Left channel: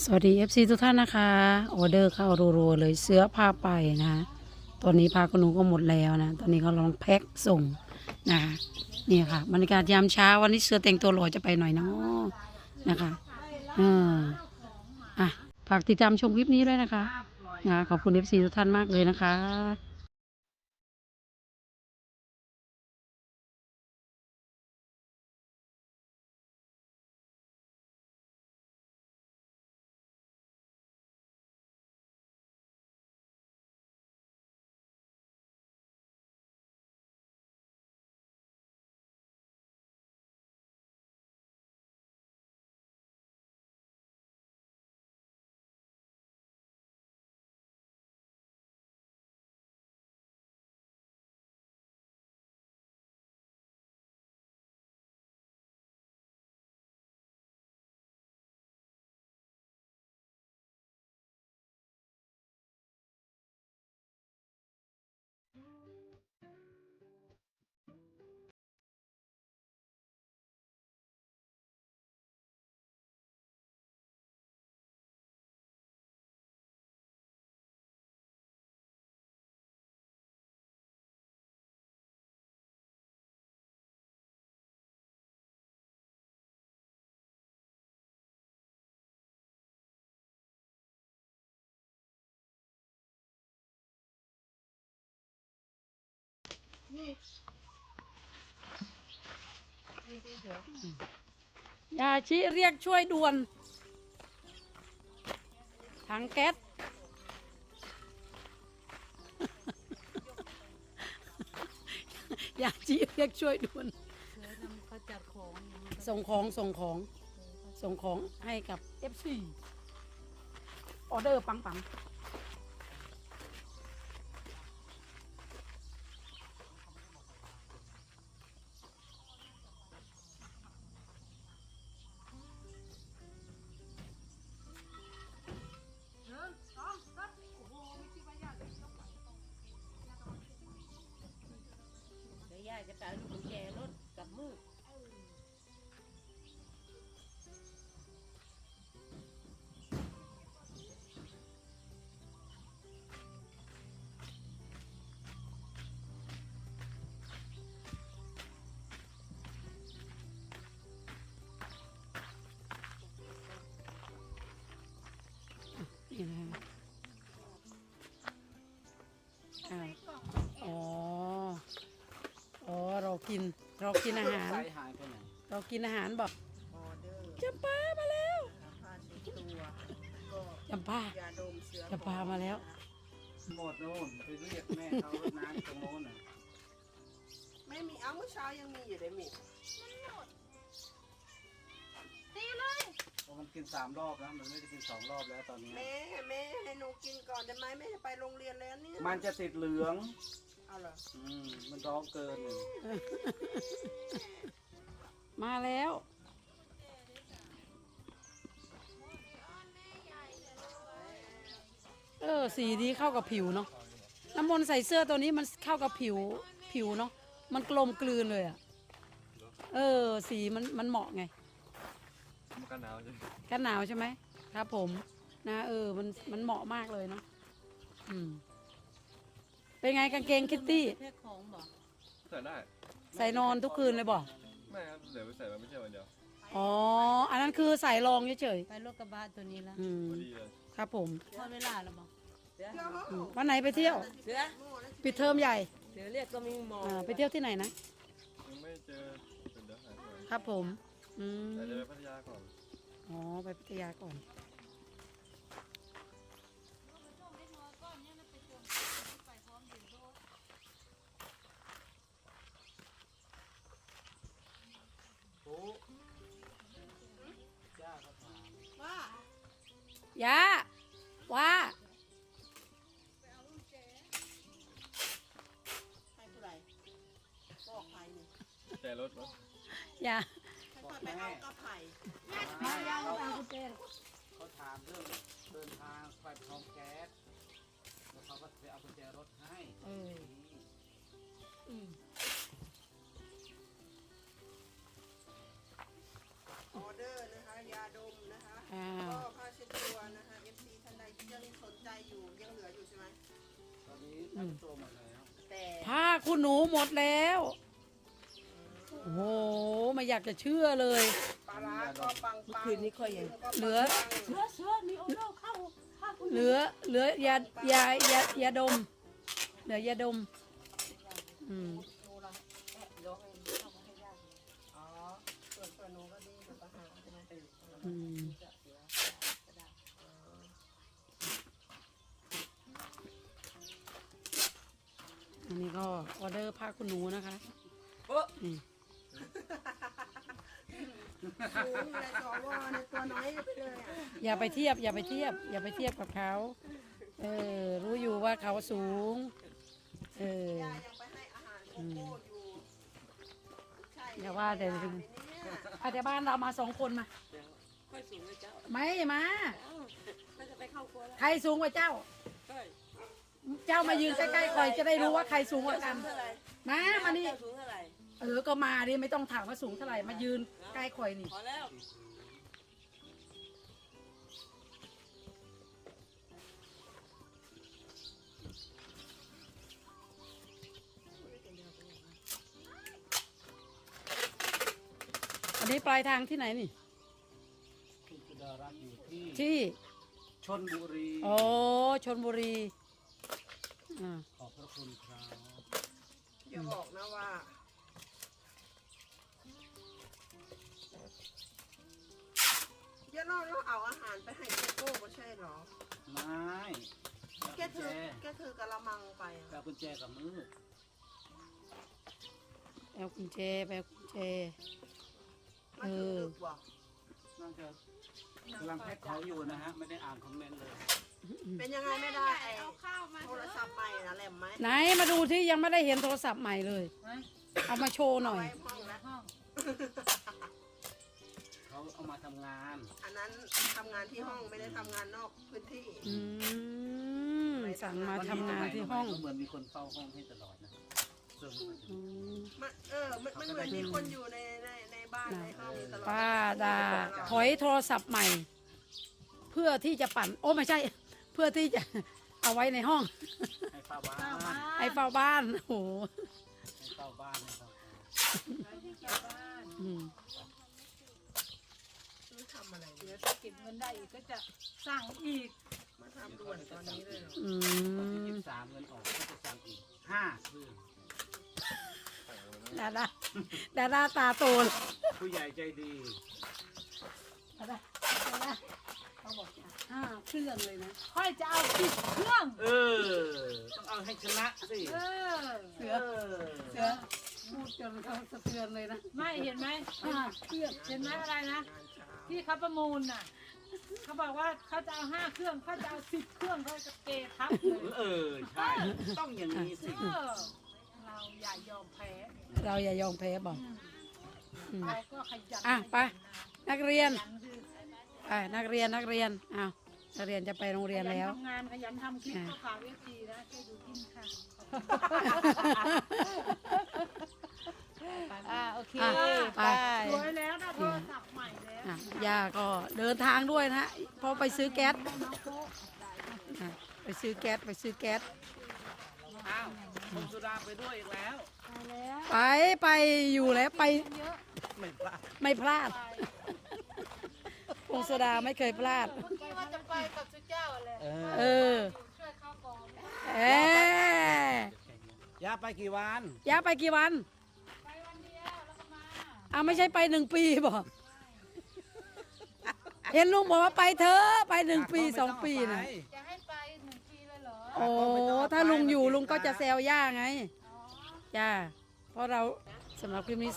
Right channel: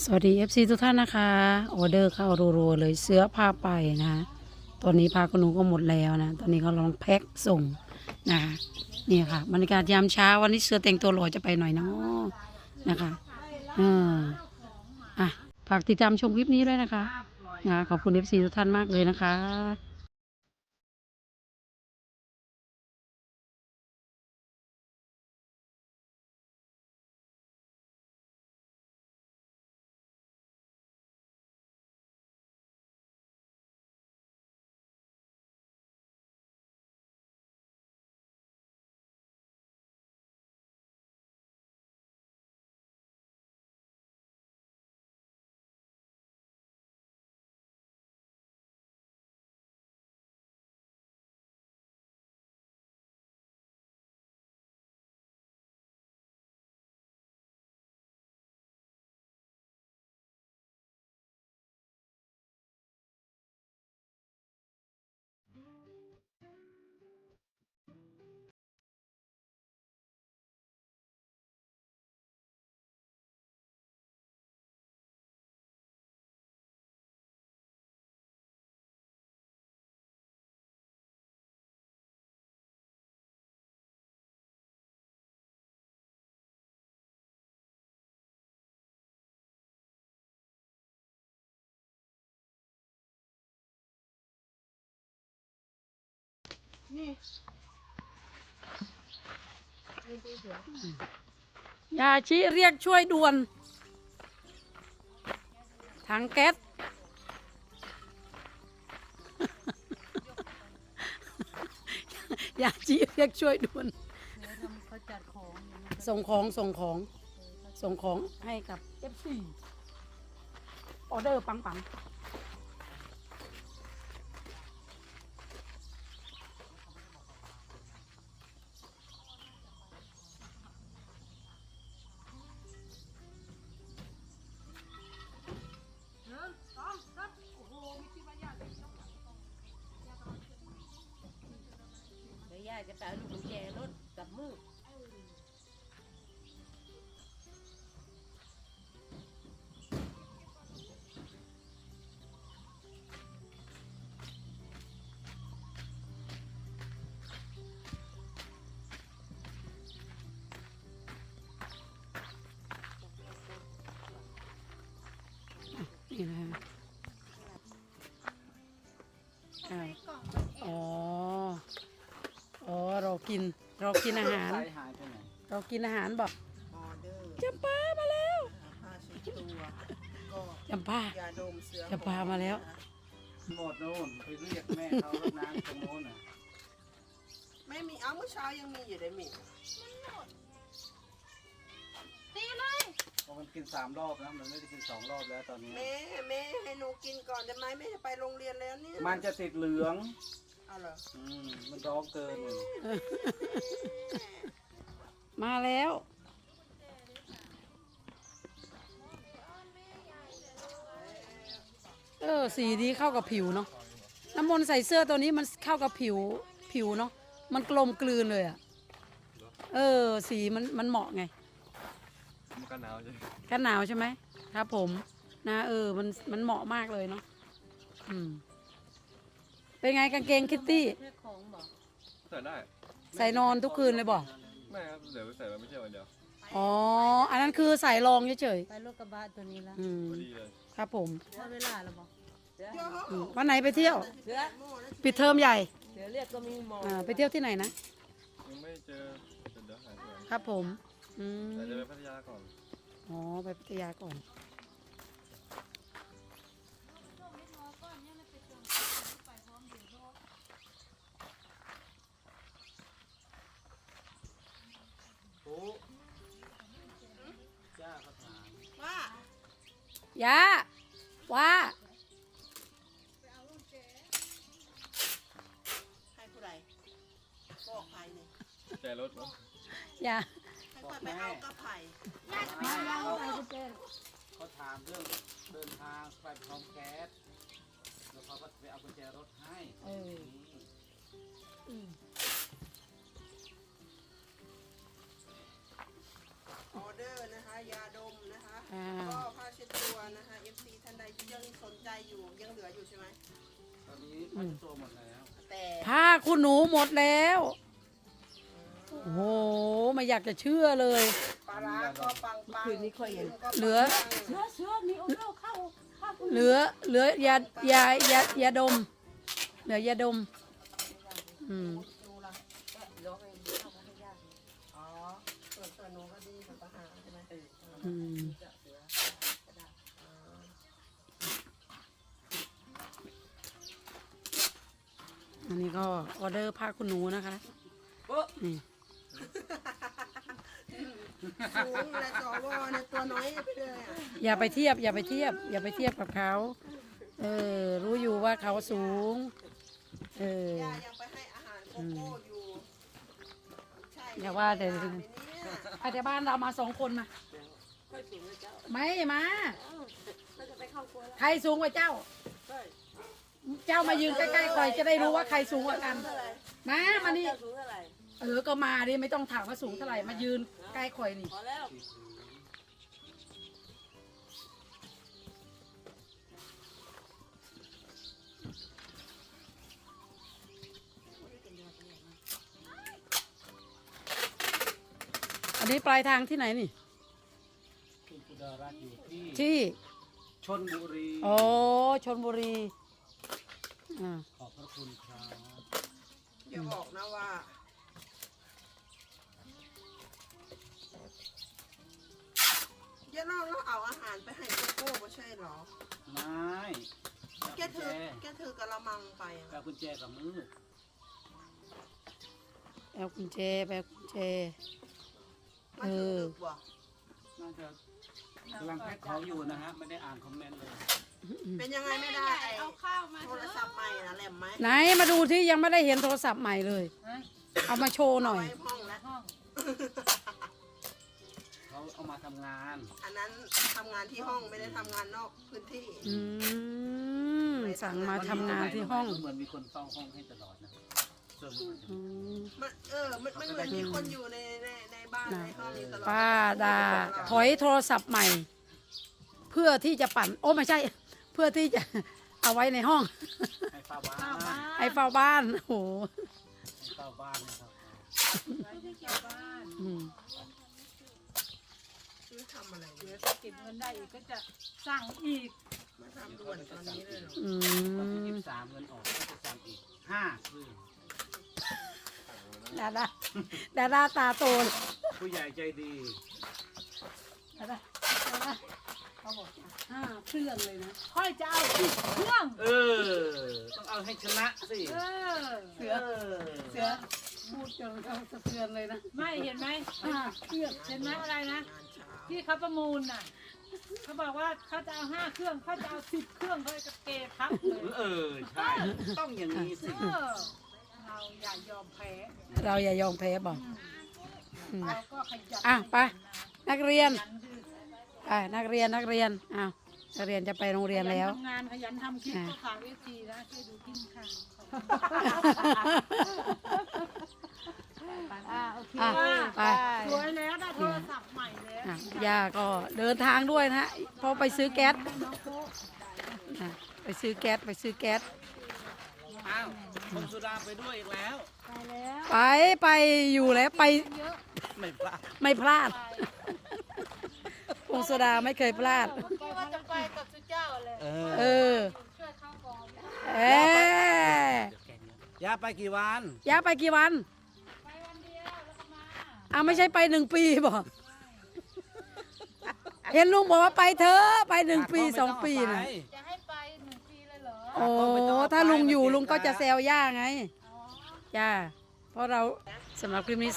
สวัสดี FC ทุกท่านนะคะออเดอร์เข้ารัวๆเลยเสื้อผ้าไปนะคะตอนนี้ผ้าขนหนูก็หมดแล้วนะ ตอนนี้เขาลองแพ็คส่งนะคะนี่ค่ะบรรยากาศยามเช้าวันนี้เสื้อแต่งตัวหล่อจะไปหน่อยเนาะนะคะเอออะฝากติดตามชมคลิปนี้ด้วยนะคะนะขอบคุณ FC ทุกท่านมากเลยนะคะ ยาชิเรียกช่วยด่วน ถังแก๊สยาชีเรียกช่วยด่วน ส่งของส่งของ ส่งของให้กับ FC ออเดอร์ปังปัง ดี๋ยวยาลูกกุญแจรถกับมือนี่นะ กินเรากินอาหารไซหายไปไหนเรากินอาหารบอกจำปามาแล้วจำปาจำปามาแล้ว หมดโน่นไปเรียกแม่เขารดน้ำตรงโน้นน่ะไม่มีเอาเมื่อเช้ายังมีอยู่เลยมีเพราะมันกินสามรอบนะมันไม่ได้กินสองรอบแล้วตอนนี้ แม่แม่ให้หนูกินก่อนจะไหมแม่จะไปโรงเรียนแล้วเนี่ยมันจะติดเหลือง เอาเหรออืมมันร้องเกินเลยมาแล้วเออสีนี้เข้ากับผิวเนาะน้ำมนต์ใส่เสื้อตัวนี้มันเข้ากับผิวผิวเนาะมันกลมกลืนเลยอะเออ สีมันมันเหมาะไงมันก็หนาวใช่ไหมกันหนาวใช่ไหมครับ ผม นะ เออ มันมันเหมาะมากเลยเนาะอืม เป็นไงกางเกงคิตตี้แค่ของบอกใส่ได้ใส่นอนทุกคืนเลยบอกไม่ครับเดี๋ยวไปใส่มาไม่ใช่วันเดียวอ๋อ อันนั้นคือใส่รองเฉยไปรถกระบะตัวนี้แล้วๆอืมพอดีเลยครับผมได้เวลาแล้วบอกอืมวันไหนไปเที่ยวปิดเทอมใหญ่เดี๋ยวเรียกก็มีหมออ่าไปเที่ยวที่ไหนนะ ยังไม่เจอเดี๋ยวหาที่ไหนครับผม อืมแต่จะไปพัทยาก่อนอ๋อ ไปพัทยาก่อน ย่าว่าใครผู้ใดบอกใครนี่แจรถมั้งย่าค่อยๆไปเอากระไผ่เขาถามเรื่องเดินทางไปพร้อมแก๊สแล้วเขาก็ไปเอากุญแจรถให้เอออืม หนูหมดแล้ว โอ้โห ไม่อยากจะเชื่อเลย ปลาร้าก็ปังปังคืนนี้ค่อยยังเหลือเชื้อเชื้อนี่โอโหเข้าเข้าคุณเหลือ เหลือยายายายาดม เหลือยาดม อืม อันนี้ก็ออเดอร์ผ้าคุณหนูนะคะนี่สูงเลยสวเนี่ยตัวน้อยไปเลยอะอย่าไปเทียบ อย่าไปเทียบ อย่าไปเทียบกับเขาเออ รู้อยู่ว่าเขาสูง เออย่ายังไปให้อาหารโกโก้อยู่ใช่อย่าว่าแต่เนี่ยอาจจะบ้านเรามาสองคนมาไม่มาใครสูงกว่าเจ้า เจ้ามายืนใกล้ๆคอยจะได้รู้ว่าใครสูงกว่ากัน มามานี่ สูงเท่าไหร่เออ ก็มาดิไม่ต้องถามว่าสูงเท่าไหร่ มายืนใกล้คอยนี่ พอแล้วอันนี้ปลายทางที่ไหนนี่ คุณสุดารัตน์อยู่ที่ที่ชนบุรีโอ้ชนบุรี อ่าขอบพระคุณครับอย่าบอกนะว่าย่าเราเราเอาอาหารไปให้โกโก้ไม่ใช่เหรอ ไม้เอาแกกุญถืแจอแกถือกระมังไปอะเอากุญแจกับมือแปลกุญแจแปลกุญแจมันถือดึกบ่น่าจะกำลังแพ็คของอยู่นะฮะ ไม่ได้อ่านคอมเมนต์เลย เป็นยังไงไม่ได้ไอโทรศัพท์ใหม่นะแหล มไหมไหนมาดูที่ยังไม่ได้เห็นโทรศัพท์ใหม่เลย เอามาโชว์หน่อย ไว้ห้องแล้วเขาเอามาทำงานอันนั้นทำงานที่ห้องไม่ได้ทำงานนอกพื้นที่ อืม สั่งมาทำงานที่ห้องเหมือนมีคนเฝ้าห้องให้ตลอดนะเสื้อมืออืมมันเออมันมันเหมือนมีคนอยู่ในในในบ้านน่ะในห้องนี้ตลอดป้าดา ถอยโทรศัพท์ใหม่ เพื่อที่จะปั่น โอ้ไม่ใช่ เพื่อที่จะ เอาไว้ในห้อง ให้เฝ้าบ้านให้เฝ้าบ้านโอ้โหให้เฝ้าบ้านนะครับอืมนี่ทำอะไรเดี๋ยวถ้าเก็บเงินได้อีกก็จะสั่งอีกมาทำด่วนตอนนี้เลยเหรออืวันที่มยี่สิบสามเงินออกก็จะสั่งอีกห้าเครื่องดาดาดาดาตาโตเลยผู้ใหญ่ใจดี ดาดาดาดาเขาบอกห้าเครื่องเลยนะค่อยจะเอาสิบเครื่อง เออ ต้องเอาให้ชนะสิเออ เสือ เสือพูดจนเขาสะเทือนเลยนะไม่เห็นไหมห้าเครื่องเห็นไหมอะไรนะ ที่เขาประมูลน่ะ เขาบอกว่าเขาจะเอาห้าเครื่องเขาจะเอาสิบเครื่องเขาจะเททับเลย เออ ใช่ ต้องอย่างนี้สิ เออ เราอย่ายอมแพ้ เราอย่ายอมแพ้บอกอืมเราก็ขยันอะไปนั กเรียนขยันคือไปนักเรียนนักเรียนอ้าวนักเรียนจะไปโรงเรียนแล้วขยันทำงานขยันทำคลิปอะก็ฝากเวทีนะช่วยดูกินค่ะขอบคุณอ่าโอเคอะไป สวยแล้วได้โทรศัพท์ใหม่แล้วอะย่าก็เดินทางด้วยนะฮะเพราะไปซื้อแก๊สน้องโป๊ะอะไปซื้อแก๊สไปซื้อแก๊สอ้าวคุณสุดาไปด้วยอีกแล้ว ไปแล้วไปไปอยู่แล้วไปไม่พลาด ไม่พลาด พงศดาไม่เคยพลาดเมื่อกี้ว่าจะไปกับสุเจ้าเลยเอเออ ช่วยเขาก่อนเออย่าไปกี่วันย่าไปกี่วัน ไปวันเดียวแล้วก็มาอะไม่ใช่ไปหนึ่งปีบอก เห็นลุงบอกว่าไปเถอะไปหนึ่งปีสองปีนะจะให้ไปหนึ่งปีเลยเหรอโอ้ ถ้าลุงอยู่ลุงก็จะแซวย่าไง อ๋อ จ้า เพราะเราสำหรับคลิปนี้